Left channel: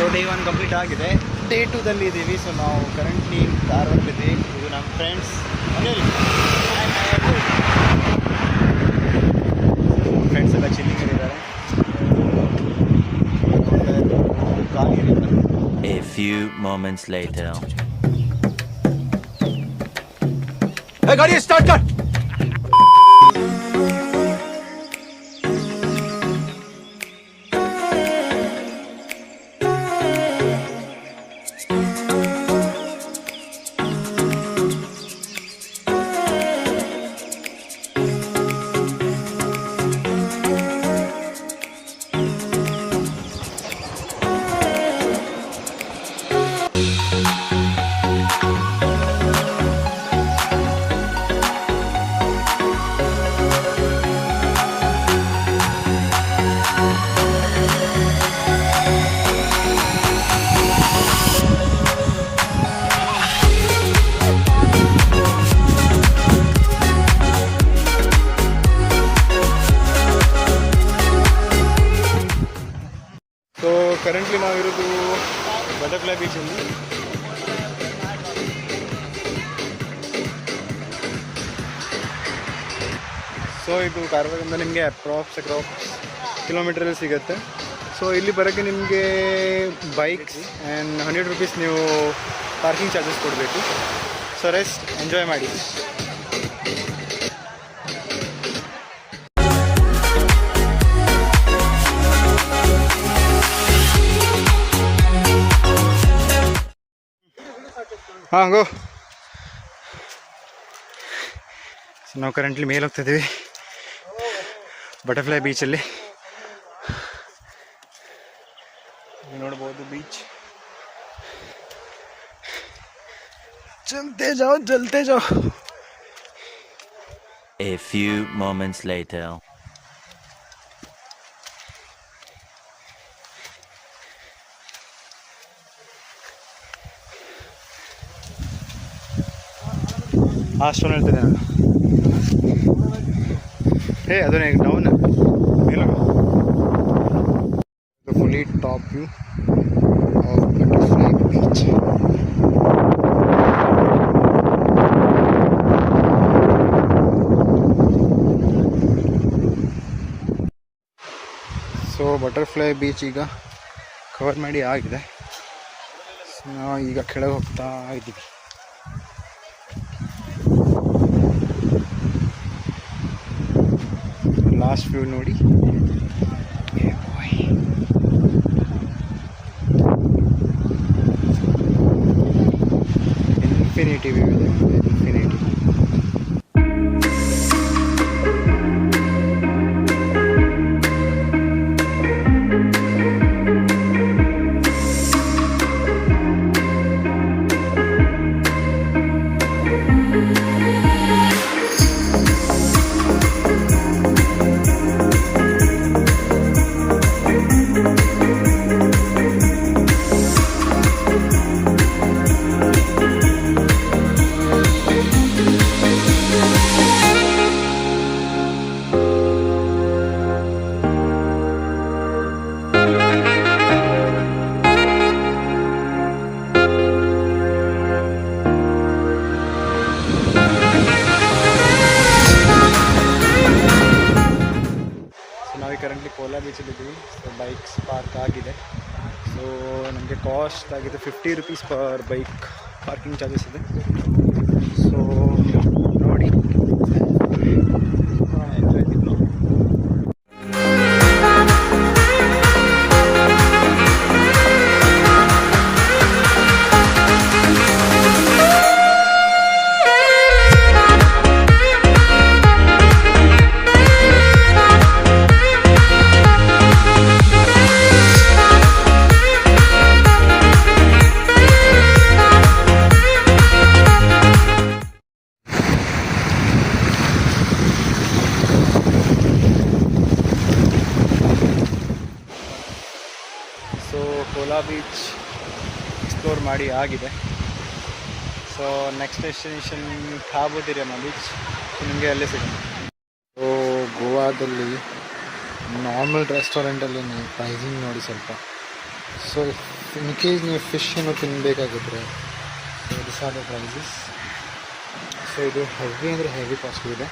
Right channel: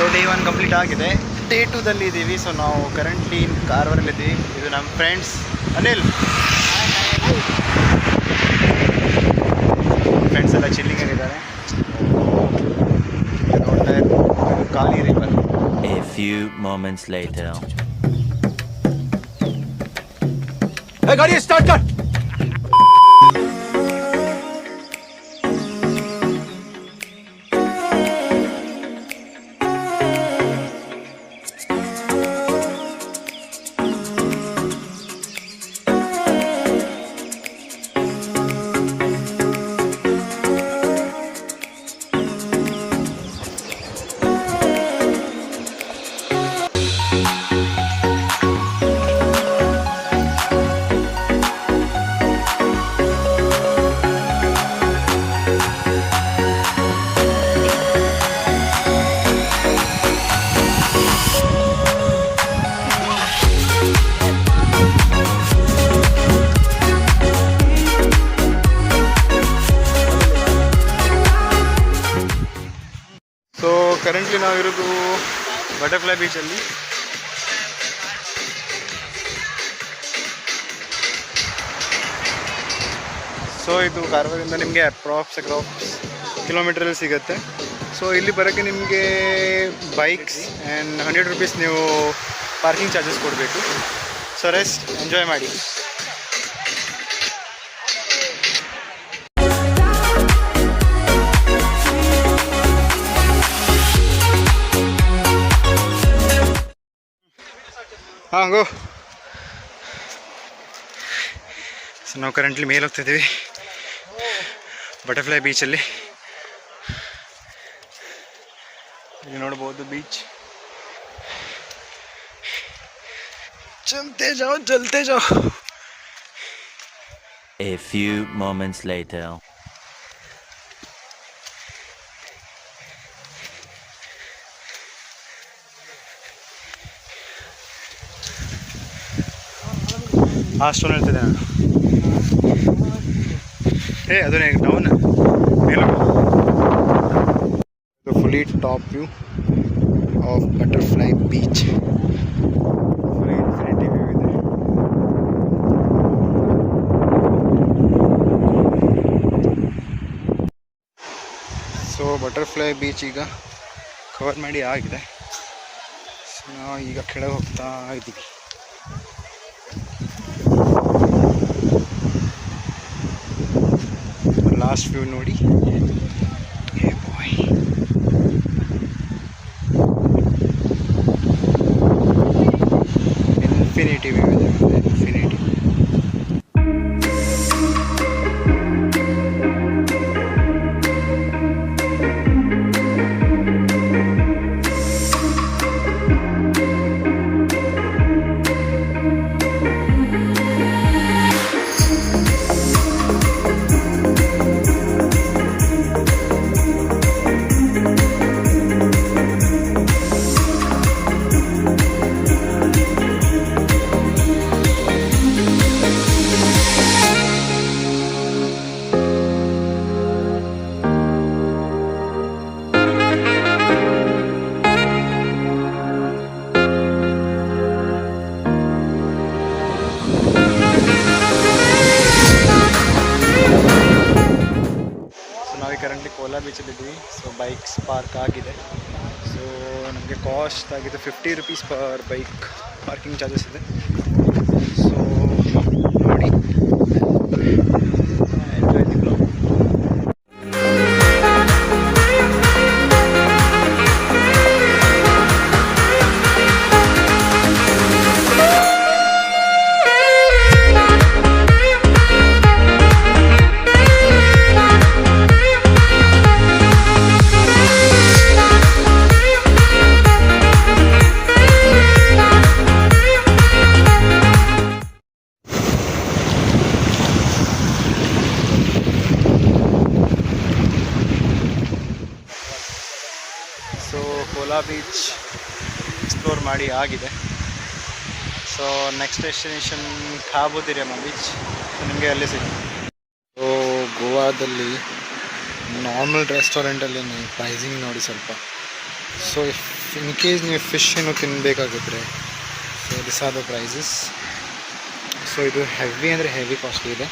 So day 1 ಕಂಪ್ಲೀಟ್ ಆಗಿದೆ. ಡೇ 2ದಲ್ಲಿ ಇದ್ದೀವಿ. ಸೊ ನಾವು ಕರೆಂಟ್ಲಿ ಕಾರವಾರಲ್ಲಿದ್ದೀವಿ. ಇದು ನಮ್ಮ ಫ್ರೆಂಡ್ಸ್ ಅನಿಲ್. ಫ್ರೆಂಡ್ಸ್ ಎಲ್ಲ ಚಿಲ್ಲಿಂಗ್ ಆಗಿದ್ದಾರೆ. ನೋಡ್ತಾ ಇರ್ಬೋದು ಖಾಲಿ river. A few moments later. Hey, ಗಾಡಿ ಸ್ಟಾರ್ಟ್ ಕರ್. ಸೊ ಕರೆಂಟ್ಲಿ ನಾವಿರೋದು ಬಟರ್ಫ್ಲೈ ಬೀಚಲ್ಲಿ. ಸೊ ಇದು ಕಾರವಾರದಿಂದ ನಿಮಗೆ ಅಪ್ರಾಕ್ಸ್ ಕಿಲೋಮೀಟ್ರಲ್ಲಿ ಸಿಗುತ್ತೆ. ಸೊ ಇಲ್ಲಿ ಬರೋಕ್ಕೆ ನಿಮಗೆ ಬೈಕ್ಸ್ ಆ್ಯಂಡ್ 100 rupees ನೀವು ಪಾರ್ಕಿಂಗ್ ಚಾರ್ಜಸ್ ಕೊಡಬೇಕು. ಸೊ ರೆಸ್ಟ್ ಎಂಜಾಯ್ ಮಾಡಿ. ಹಾಂ ಗೋ. ಸೊ ನಾವು ಕರೆಂಟ್ಲಿ ಮೇಲೆ ಹೋಗ್ತಿದ್ದೀವಿ ಬಟರ್ಫ್ಲೈ ಬೀಚಲ್ಲಿ. ಇಲ್ಲಿ ನೋಡ್ಬೋದು ಬೀಚ್. ಚಲ್ತೆ ಜಾओ. A few moments later. ಅಷ್ಟೊಂದು ಹೇಳ್ತಿದ್ದೆ ನಾನು. ಅದನ್ನೇ ಡೌನ್ ಮೇಲೂ fully top view of butterfly beach. So butterfly beach ಈಗ ಕವರ್ ಮಾಡಿ ಆಗಿದೆ. ಸೊ ನಾವು ಈಗ ಕೆಳಗೆ ಹೋಗ್ತಾ ಇದ್ದೀವಿ. ಲಾಸ್ಟ್ ವ್ಯೂ ನೋಡಿ. ಇನ್ಫಿನಿಟಿ ವ್ಯೂ ಇದೆ, ಇನ್ಫಿನಿಟಿ. ನಾವು ಕರೆಂಟ್ಲಿ ಕೋಲಾ ಬೀಚಲ್ಲಿದ್ದೀವಿ. ಸೊ ಬೈಕ್ಸ್ ಪಾರ್ಕ್ ಆಗಿದೆ. ಸೊ ನಮಗೆ ಕಾಸ್ಟ್ ಆಗಿದೆ 50 rupees per bike parking charges ಇದೆ. ಸೊ ನೋಡಿ, enjoy the blog. So Kola beach explore ಮಾಡಿ ಆಗಿದೆ. ಸೊ ನೆಕ್ಸ್ಟ್ ಡೆಸ್ಟಿನೇಷನ್ ಖಾಬುದಿರಿಯಮ್ಮ ಬೀಚ್. ಸೊ ನಿಮಗೆ ಅಲ್ಲೇ ಸಿಗೋಣ. ಸೊ ಗೋವಾದಲ್ಲಿ ನಾರ್ಮಲ್ ರೆಸ್ಟೋರೆಂಟಲ್ಲಿ ನೀವು ಪ್ರೈಸಿಂಗ್ ನೋಡಿ ಸ್ವಲ್ಪ. ಸೊ ಇನ್ ಕೇಸ್ ನೀವು ಫಿಶ್ ಏನು ತಿನ್ನಬೇಕಾಗಿದ್ರೆ so this are the prices. So ಇದು ಹೆವಿ ಅಂದರೆ ಹೆವಿ ಕಾಸ್ಟ್ಲಿ ಇದೆ.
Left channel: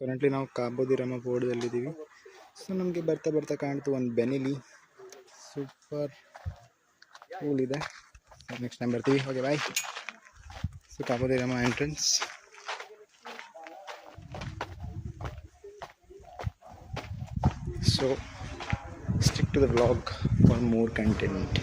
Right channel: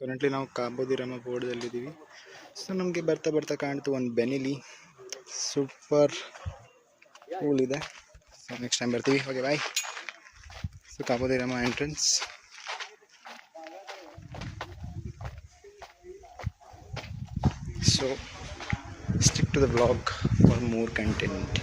ಕರೆಂಟ್ಲಿ ನಾವು ಕಾಬೋ ದಿ ರಾಮ ಬೋರ್ಡಲ್ಲಿದ್ದೀವಿ. ಸೊ ನಮಗೆ ಬರ್ತಾ ಬರ್ತಾ ಕಾಣ್ತು ಒಂದು ಬೆನಿಲಿ ಸೂಪರ್ ಕೂಲ್ ಇದೆ. ಸೊ ನೆಕ್ಸ್ಟ್ ಟೈಮ್ ಬರ್ತೀವಿ. Okay bye. So Cabo de Rama entrance. So stick to the vlog for more content.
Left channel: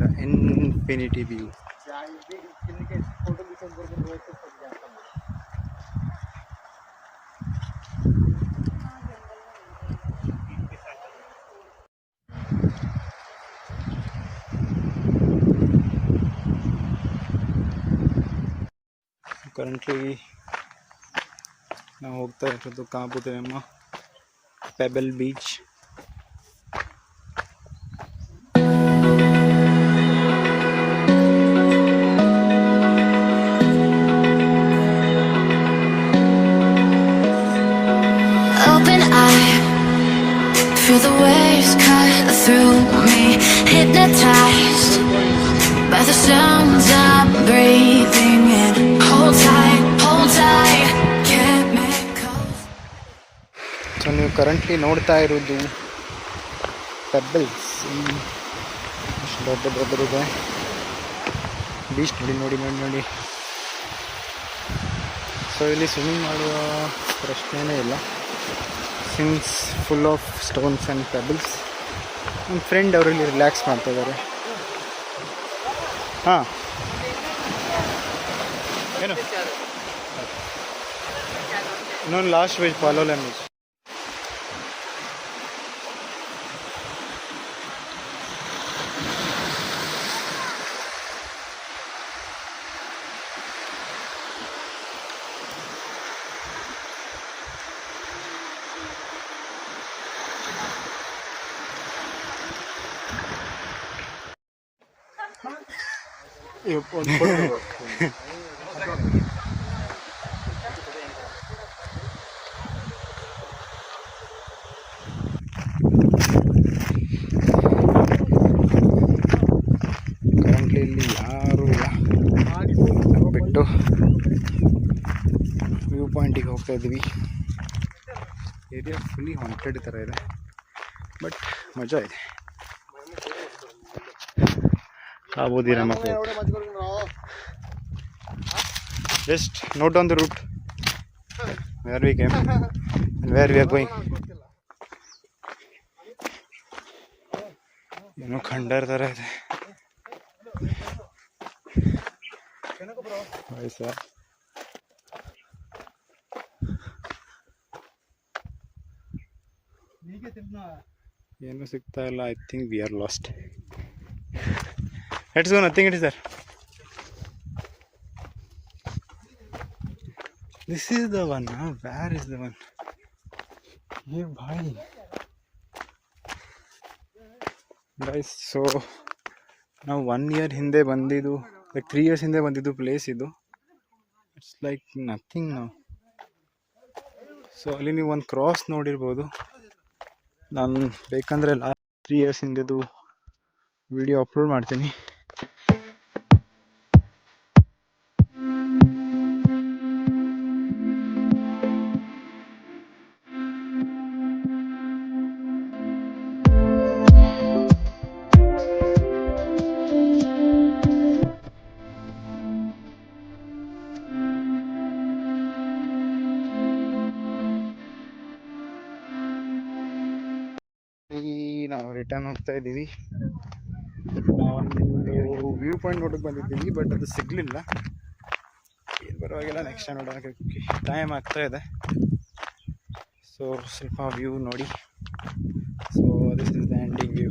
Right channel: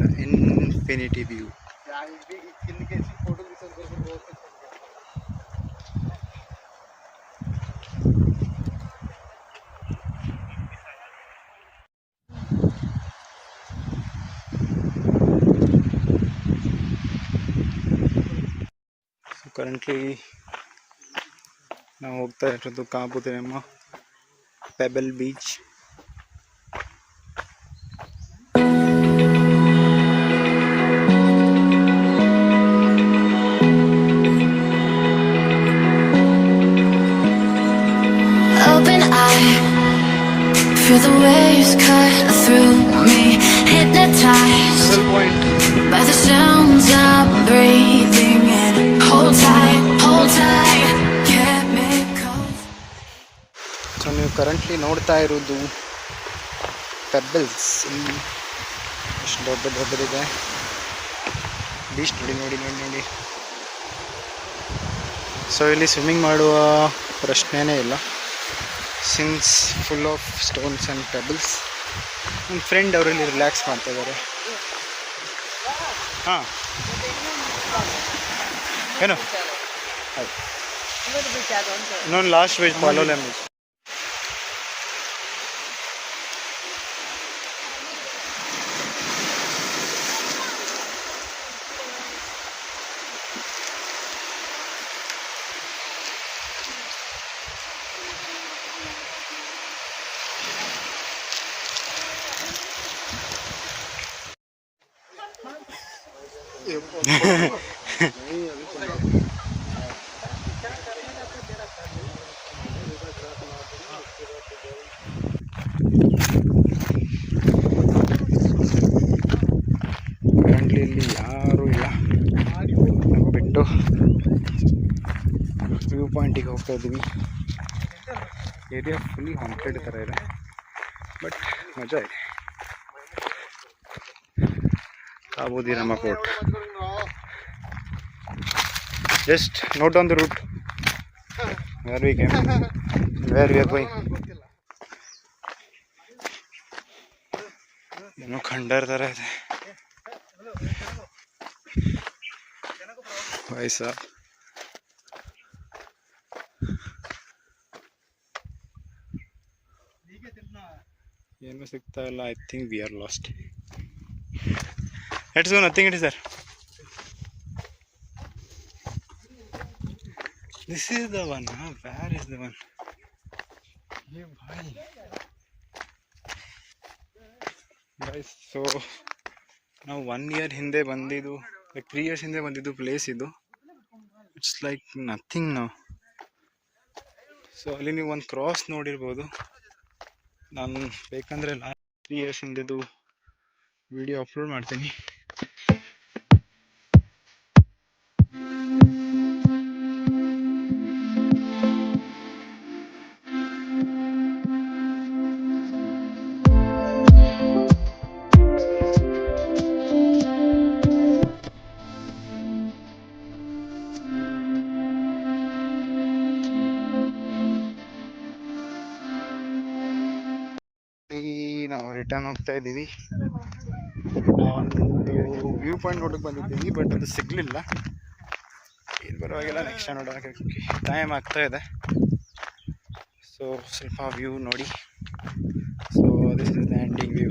The infinity view. Currently ನಾವು ಹೋಗ್ತಾ ಇರೋದು Cabo de Rama pebble beach. Open eye, feel the waves cut through me, hypnotized by the sounds I'm breathing in. Hold tight, can't make calls. So ನೀವು ಕರೆಂಟ್ಲಿ ನೋಡ್ತಾ ಇರೋದು ಪೆಬಲ್ಸ್. ಇಲ್ಲಿ ಎಷ್ಟು ದೊಡ್ಡದಿದೆ ಬೀಚ್. ನೋಡಿ. ಸೊ ಇಲ್ಲಿ ಸ್ವಿಮ್ಮಿಂಗ್ ಮಾಡುವ ಪ್ರಶ್ನೆನೇ ಇಲ್ಲ, since full of stones and pebbles. ನಮ್ಮ ಫ್ರೆಂಡ್ ಅವರಲ್ಲಿ ರಿಲ್ಯಾಕ್ಸ್ ಮಾಡ್ತಾ ಇದ್ದಾರೆ. ಹಾಂ ಏನು ಇನ್ನೊಂದು ಲಾಸ್ಟ್ ವೇಜ್ ಪಾಲೋಲೆಮ್ ಬೀಚ್. ಕರೆಂಟ್ಲಿ ಇಲ್ಲಿ ಯಾರೂ ಇಲ್ಲ, ನಾವು ಬಿಟ್ಟು ವ್ಯೂ ಪಾಯಿಂಟಿಗೆ ಹೋಗ್ತಾ ಇದ್ದೀವಿ. ಏರಿಯಾ ಫುಲ್ಲಿ ಹಾಂಟೆಡ್ ಥರ ಇದೆ, ಬಟ್ ಮಜಾ ಇದೆ. Cabo de Rama port. Just note down the route where we came and where we are going. ಏನೋ ಖಂಡರ್ ಥರ ಇದೆ ವಯಸ್ಸ. ಏನೂ ಸಿಗ್ತಾ ಇಲ್ಲ. I think we are last. Let's go. Nothing it is sir. This is the one. Where is the one? Hey bhai. Guys, so ನಾವು 1 year ಹಿಂದೆ ಬಂದಿದ್ದು, like 3 years ಹಿಂದೆ ಬಂದಿದ್ದು ಪ್ಲೇಸ್ ಇದು. ಇಟ್ಸ್ ಲೈಕ್ ನಥಿಂಗ್ ನಾವು. ಸೊ ಅಲ್ಲಿ ನೀವು ಒಂದು ಕ್ರಾಸ್ ನೋಡಿರ್ಬೋದು. ನಾನು ಬೇಕಂದರೆ ಲಾಸ್ಟ್ 3 years ಹಿಂದೆದು ವಿಡಿಯೋ ಅಪ್ಲೋಡ್ ಮಾಡ್ತೀನಿ. ನಾವು ರಿಟರ್ನ್ ಹೋಗ್ತಾ ಇದ್ದೀವಿ. ಒಂದು ವ್ಯೂ ಪಾಯಿಂಟ್ ನೋಡೋಕೆ ಬಂದಿದ್ದೀವಿ, ಬಟ್ ಅದು ಸಿಗಲಿಲ್ಲ. ಏನು ಪರವಾಗಿಲ್ಲ, ನೆಕ್ಸ್ಟ್ ಟೈಮ್ ನೋಡೋಕೆ ಟೈಮ್ ಆಗ್ತಾ ಇದೆ. ಸೊ ಸ್ವಲ್ಪ ವ್ಯೂ ನೋಡಿ. So this is the ending view.